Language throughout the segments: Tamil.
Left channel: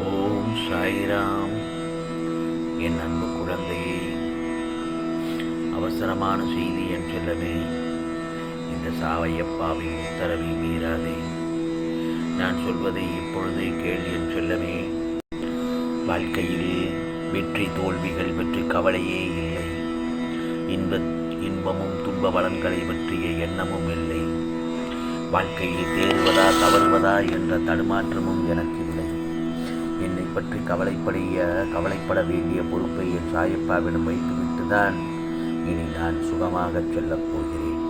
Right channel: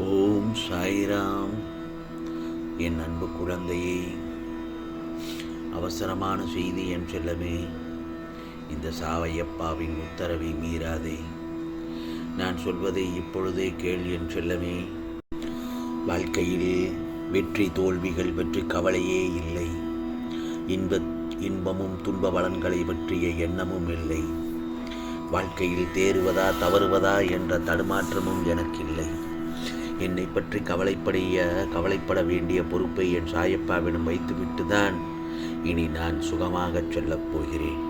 ஓம் சாய்ராம். என் அன்பு குழந்தையே அவசரமான செய்தி என் செல்லமே இந்த சாவையப்பாவின் உத்தரவை மீறாதே. நான் சொல்வதை இப்பொழுதே கேள் என் செல்லமே. வாழ்க்கையில் வெற்றி தோல்விகள் பற்றி கவலையே இல்லை. இன்ப இன்பமும் துன்ப பலன்களை பற்றிய எண்ணமும் இல்லை. வாழ்க்கையில் தேறுவதா தவறுவதா என்ற தடுமாற்றமும் எனக்கில்லை என்னை பற்றி கவலைப்படைய கவலைப்பட வேண்டிய பொறுப்பை என் சாயப்பாவிடம் வைத்துவிட்டு தான் இனி நான் சுகமாகச் சொல்லப் போகிறேன்.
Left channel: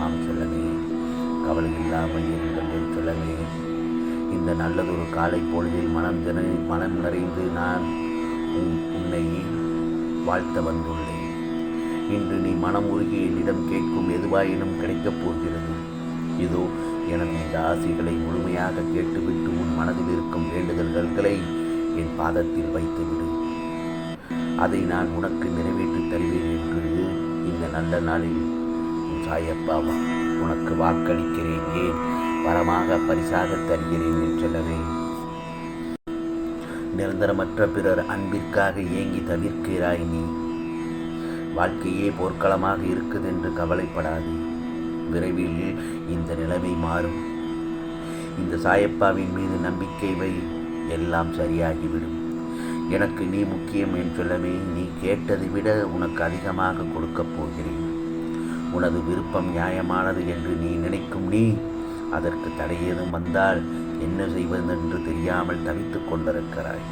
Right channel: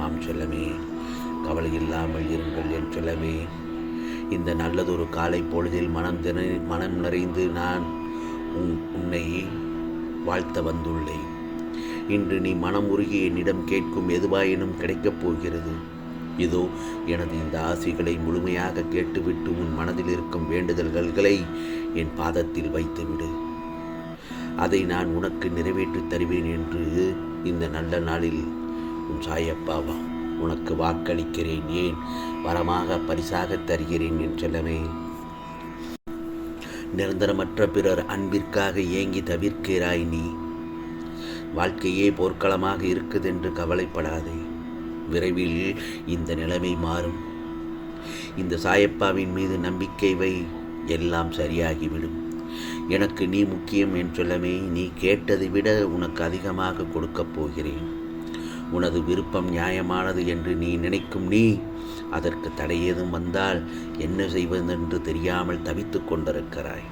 ஆம் சொல்லமே கவலை இல்லாமல் இருங்கள் என் சொல்லமே. இந்த நல்லதொரு காலை பொழுதில் மனம் தின மனம் நிறைந்து நான் உன் உன்னை வாழ்த்த வந்துள்ளேன். இன்று நீ மனம் உருகி என்னிடம் கேட்கும் எதுவாயினும் கிடைக்கப் போகிறது. இதோ எனது இந்த ஆசைகளை முழுமையாக கேட்டுவிட்டு உன் மனதில் இருக்கும் வேண்டுதல்களை என் பாதத்தில் வைத்துவிடு. அதை நான் உனக்கு நிறைவேற்றி தருவேன் என்று இந்த நல்ல நாளில் உன் சாயப்பாவா உனக்கு வாக்களிக்கிறேன். ஏன்? வரமாக பரிசாக தருகிறேன் என் செல்லவே. நிரந்தரமற்ற பிறர் அன்பிற்காக ஏங்கி தவிர்க்கிறாய் நீ. வாழ்க்கையே போர்க்களமாக இருக்குதென்று கவலைப்படாதே. விரைவில் இந்த நிலைமை மாறும். இந்த சாயப்பாவின் மீது நம்பிக்கை வை எல்லாம் சரியாகிவிடும். எனக்கு நீ முக்கியம் என் சொல்லமே நீ கேட்டதை விட உனக்கு அதிகமாக கொடுக்கப் போகிறேன். உனது விருப்பம் நியாயமானது என்று நீ நினைக்கும் நீ அதற்கு தடையேதும் வந்தால் என்ன செய்வதென்று தெரியாமல் தவித்து கொண்டிருக்கிறாய்.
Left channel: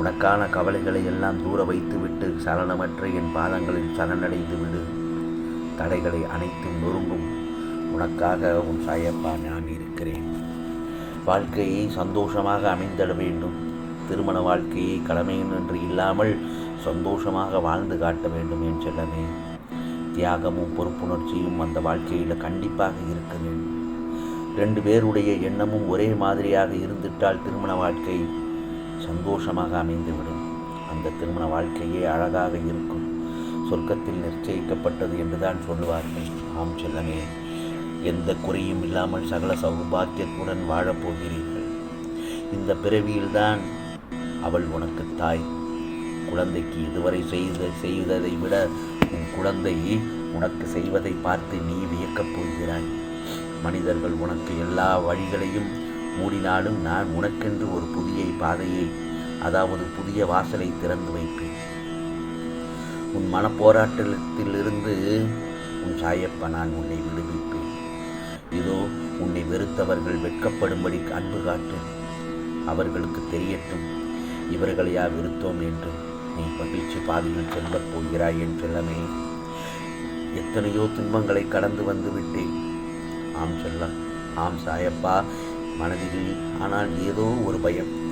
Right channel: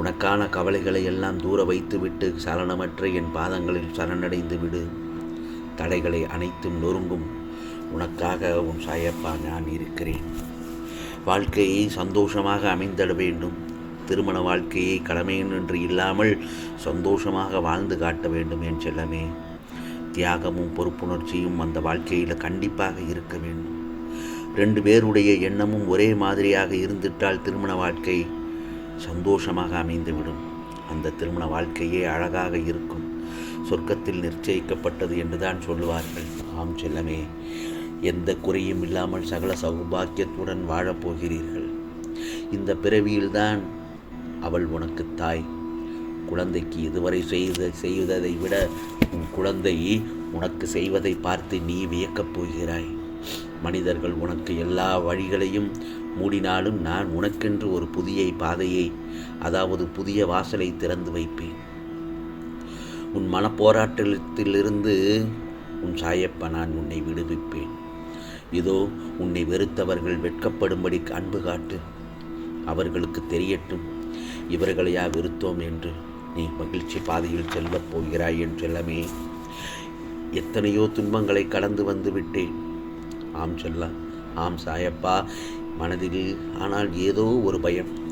உனக்கான கவலைகளை எல்லாம் தூர வைத்துவிட்டு சலனமற்ற என் பாதங்களில் சரணடைந்து விடு. தடைகளை அனைத்தும் நொறுங்கும். உனக்காக உன் சாயப்பா நான் இருக்கிறேன். வாழ்க்கையை சந்தோஷமாக அமைந்திட வேண்டும். திருமண வாழ்க்கையை கடமையின்றி இல்லாமல் சந்தோஷமாக வாழ்ந்து காட்ட வேண்டும் என் செல்லமே. தியாகமும் பொறுப்புணர்ச்சியும் அந்த வாழ்க்கையில் கண்டிப்பாக இருக்க வேண்டும். ரெண்டு பேருடைய எண்ணமும் ஒரே மாதிரியாக இருந்துட்டால் திருமண வாழ்க்கை சந்தோஷமாக அமைந்துவிடும். அந்த திருமண வாழ்க்கையே அழகாக இருக்கும். சொர்க்கத்தில் நிச்சயிக்கப்பட்டது என்றுதான் சொல்லுவார்கள். ஆம் செல்லமே எந்த குறையும் இல்லாமல் சகல சௌபாக்கியத்துடன் வாழப்போகிறீர்கள். இந்த பிறவியில்தான் அவள் உனக்கு தாய். குழந்தைக்கு இதுவரை செய்த செய்ததை விட உன் குழந்தை உனக்கு செய்வதை பார்த்து நீ வியக்கப் போகிறாய். மனிதர்கள் உனக்கு எல்லா வழிகளையும் மூடினாலும் நான் உனக்கென்று ஒரு புதிய பாதையை அதாவது புதிய வாசலை திறந்து வைப்பேன். உன் மனப்போராட்டத்திலிருந்து உன் சாயப்பா நான் உன்னை விடுவிப்பேன். இதோ உன்னை வெறுத்தவர்கள் வெட்கப்படும்படி அன்பு காட்டு. அவர்களுக்கு தெரியட்டும் இவர்களையா வெறுத்தோம் என்று. நீ மகிழ்ச்சி பாதையில் செல்லப் போகிறாய் என் செல்லமே. எத்தனையோ துன்பங்களை கடந்து வந்து விட்டேன். ஆம் சொல்ல ஆம் சாயப்பா மனதில் ஆனால் ஏதோ ஒரு பயம்.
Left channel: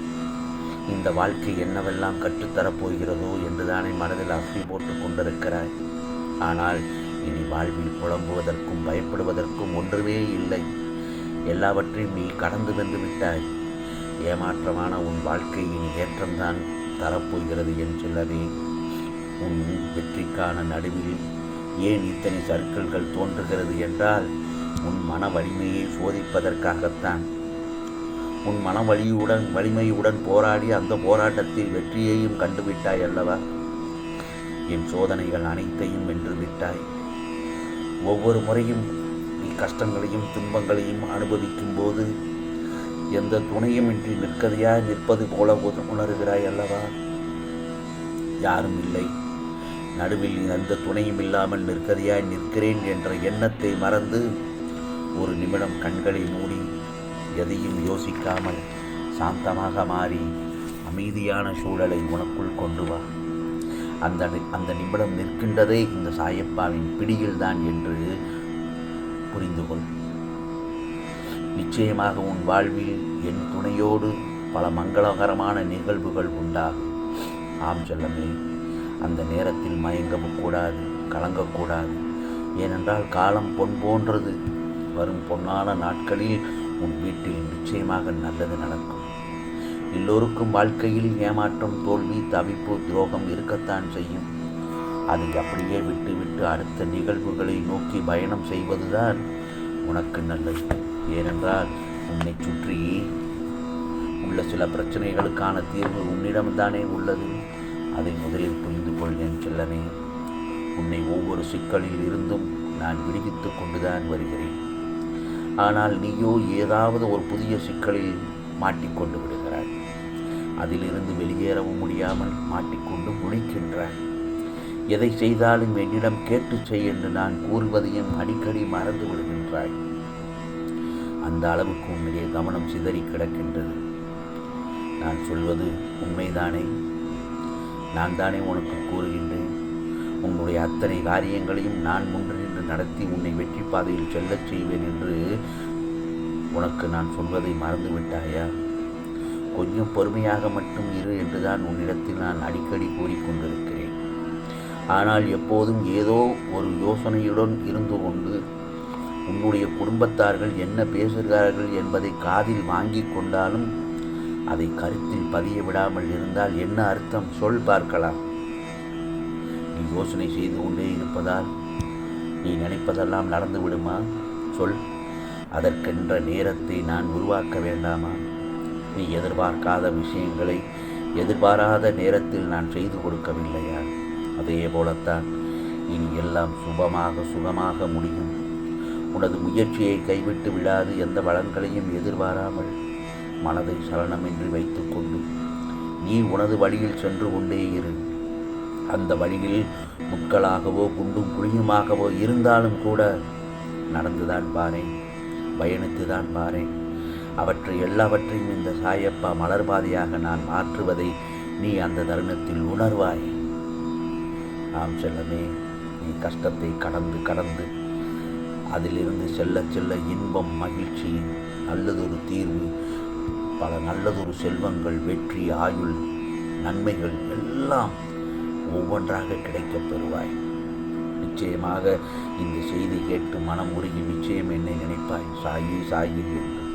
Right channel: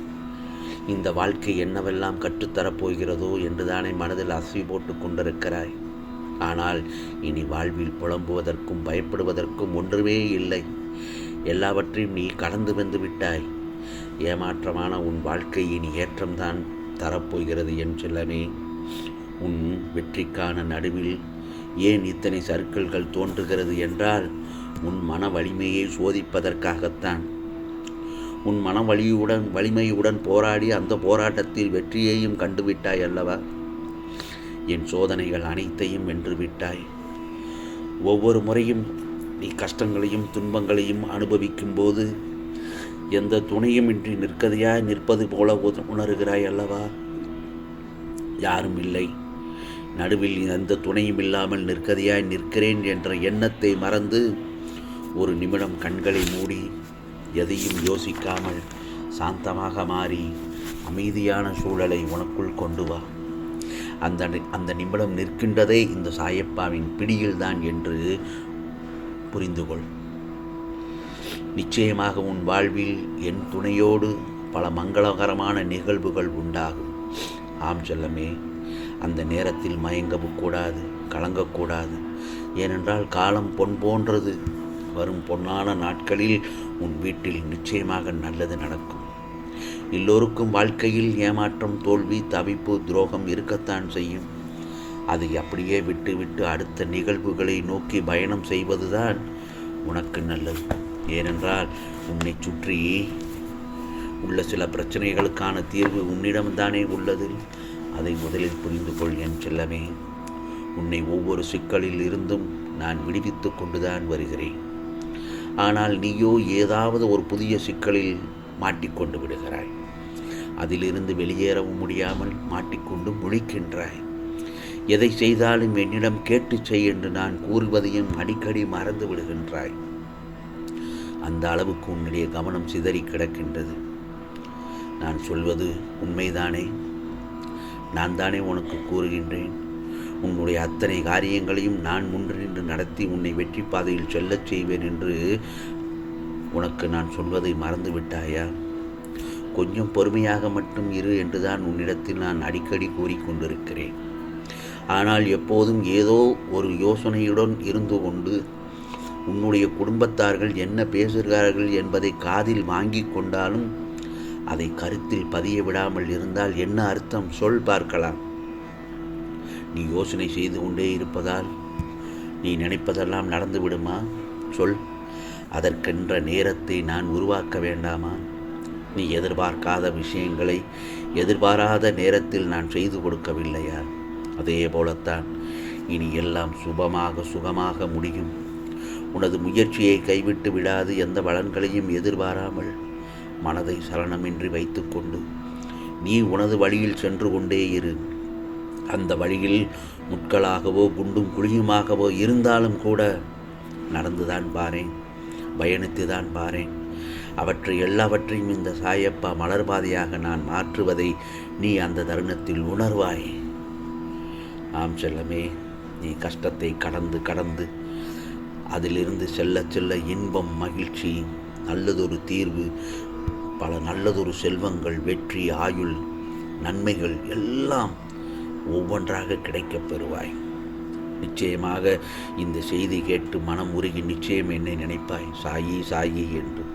இந்த வாழ்க்கை என்னவெல்லாம் கற்றுத்தரப் போகிறதோ என்றுதானே மனதில் அசை போட்டு கொண்டிருக்கிறாய். ஆனால் இனி வாழ்வில் புலம்புவதற்கும் பயப்படுவதற்கும் ஒன்றுமே இல்லை. எல்லாவற்றையும் நீ கடந்து வந்து விட்டாய். ஏமாற்றமான உன் வாழ்க்கை இனி ஏற்றம்தான் தரப்போகிறது என் செல்லமே. உன் வெற்றிக்கான நடுவில் ஏன் இத்தனை சர்க்கிள்கள் தோன்றுகிறது என்றால் உன் மன வலிமையை சோதிப்பதற்காகத்தான். உன் மன வலியுடன் வலிமையுடன் போராடி அந்த போராட்டத்தில் வெற்றியையும் கண்டுவிட்டாய் அல்லவா? என் சோதனைகள் அனைத்தையும் வென்று விட்டாய். ஒவ்வொரு முறையும் நீ கஷ்டங்களையும் துன்பங்களையும் அனுபவிக்கும் போது எந்த துணையுமின்றி நிற்கதையாய் நிற்பது போல உணர்கிறாய் அல்லவா? யாரும் இல்லை. நடுவில் எந்த துணையும் இல்லாமல் நிற்கதையாய் நிற்கிறேன் என்ற எண்ணத்தை மறந்து ஒரு நிமிடம் கண்களை மூடி எதையும் யோசிக்காமல் சாந்தமாக மாறி அமைதியான சூழலை உனக்குள் கொண்டு வா. அந்த அந்த நிமிடம் நிற்கின்றதே இந்த சாயப்பாவின் பிடியில்தான் என்று புரிந்து கொள் நிச்சயமாக உன் வாழ்வில் என் துணையோடு பல மங்களகரமான நிகழ்வுகள் உண்டாகும். ஆம் செல்லமே அந்த நேரத்தில் மயங்கவும் கூடாது கலங்கக்கூடாது. ஏனென்றால் காலம் பொன் போன்றது. வரும் பொன்னான நாட்களில் உன் வீட்டில் நிச்சயமாக நல்லது நடக்கும். எல்லோருக்கும் வாழ்க்கையில் ஏமாற்றம் தோல்வி தவிப்பு துரோகம் இருக்கத்தான் செய்யும். அதை அப்படியே விட்டுவிட்டு அடுத்த நிகழ்வுகளை நோக்கி பயணம் செய்வதுதான் உனக்கு நல்லது. ஏனென்றால் உன்னை சுற்றி உள்ள சில பிரச்சனைகளுக்கான தீர்வு உன்னிடம்தானே உள்ளது. அதை முதலில் புரிந்து கொள் என் செல்லமே. உன்னை ஒவ்வொரு சிக்கலில் இருந்தும் நான் விடுவித்து கொண்டுதான் வருகிறேன். ஆனால் நீயோ ஏதாவது ஒரு புதிய சிக்கலில் மாட்டிக்கொண்டு விடுகிறாய். அதிலிருந்து வெளியேறவும் முடியாமல் மாட்டிக்கொண்டு முழிக்கின்றாய். எதை செய்தாலும் என்னிடம் கேட்டு செய் என்று நான் கூறுவதையும் அடிக்கடி மறந்து விடுகின்றாய். அந்த அளவுக்கு உன்னுடைய கவனம் சிதறி கிடக்கின்றது. நான் சொல்வது உண்மைதானே? நான் தானே உனக்கு கூறுகின்றேன்? உன்னுடைய அத்தனை காரியங்களையும் நான் முன்னின்று நடத்தி உன்னை வெற்றி பாதையில் செல்லச் செய்வேன் என்று உனக்கு நான் சொல்வதை மறந்து விட்டாயா கொஞ்சம் பொறுமையாக மட்டும் இரு என்றுதான் உன்னிடத்தில் நான் அடிக்கடி கூறிக்கொண்டிருக்கிறேன். ஆனால் எப்போதும் ஏதோ ஒரு யோசனையுடன் இருந்து கொண்டு உன்னுடைய குடும்பத்தார்கள் என்ன பேசுகிறார்கள் என்பதை காதில் வாங்கி கொண்டாலும் அதை கருத்தில் பதிய விடாமல் இருந்தால் என்ன அர்த்தம்? சொல் பார்க்கலாம். நீ யோசனை செய்து கொண்டே இருப்பதால் நீ நினைப்பதெல்லாம் நடந்து விடுமா சொல். அதற்கென்ற நேரத்தை நான் உருவாக்க வேண்டாமா? நீ எதிர்பார்க்காத விஷயங்களை எதிர்பாராத நேரத்தில் நான் செய்து கொடுக்கவில்லையா? அதே போலத்தான் இனி எல்லாம் சுபமாக சுகமாக முடியும். உனது முயற்சியை கைவிட்டு விடாது எந்த பலன்களையும் எதிர்பாராமல் மனதை சலனமின்றி வைத்துக்கொண்டு நீ உனது வழியில் சென்று கொண்டே இரு. அந்த வழியில் முட்களாகவோ குண்டும் குழியுமாகவோ இருந்தாலும் கூட நடந்துதான் பாரேன் பயணித்துதான் பாரேன். அவற்றை எல்லாவற்றையும் இந்த சாயப்பா மலர்பாதையாக நான் மாற்றுவதை நீ அந்த தருணத்தில் உணர்வாய். ஆம் செல்லமே நீ கஷ்டத்தை கடந்து கடந்து அதிலிருந்து செல்ல செல்ல இன்பம் மகிழ்ச்சி நல்லதொரு தீர்வு பல நல்லதொரு செல்வங்கள் வெற்றி ஆயுள் நன்மைகள் எல்லாம் ஒவ்வொன்றாக கிடைக்கப் பெறுவாய். நிச்சயமாக இந்த செய்தி கேட்டு மனம் உருகி நிச்சயம் என்னை நினைப்பாய். சாயி சாயி என்று.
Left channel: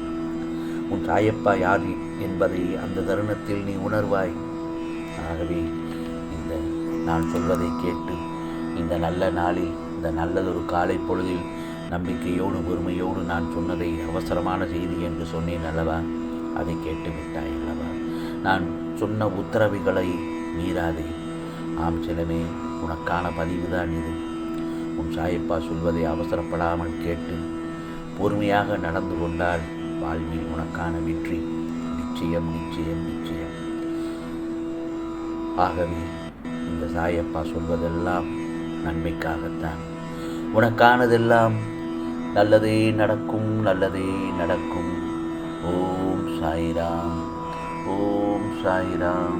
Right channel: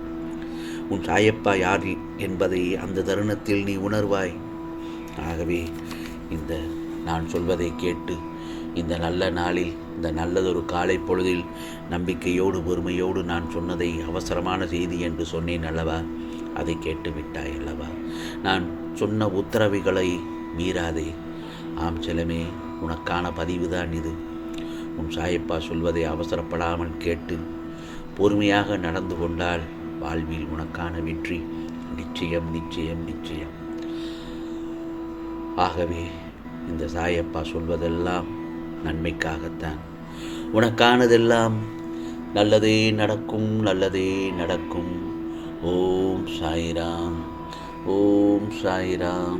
உன் சாயப்பா யார் என்பதை அந்த தருணத்தில் நீ உணர்வாய். ஆகவே இந்த நான் சொல்வதை கேட்டு இந்த நல்ல நாளில் இந்த நல்லதொரு காலை பொழுதில் நம்பிக்கையோடு பொறுமையோடு நான் சொன்னதை அவசரமான செய்தி என்று சொன்னேன் அல்லவா? அதை கேட்டு விட்டாய் அல்லவா? நான் சொன்ன உத்தரவுகளை மீறாதே. ஆம் செலமே உனக்கான பதிவுதான் இது. உன் சாயப்பா சொல்வதை அவசரப்படாமல் கேட்டு பொறுமையாக நடந்து கொண்டால் வாழ்வில் உனக்கான வெற்றி. நிச்சயம் நிச்சயம் நிச்சயம். ஆகவே இந்த சாயப்பா சொல்வதெல்லாம் நன்மைக்காகத்தான். உனக்கானதெல்லாம் நல்லதே நடக்கும் நல்லதே நடக்கும். ஓம் சாய்ராம் ஓம் சாய்ராம்.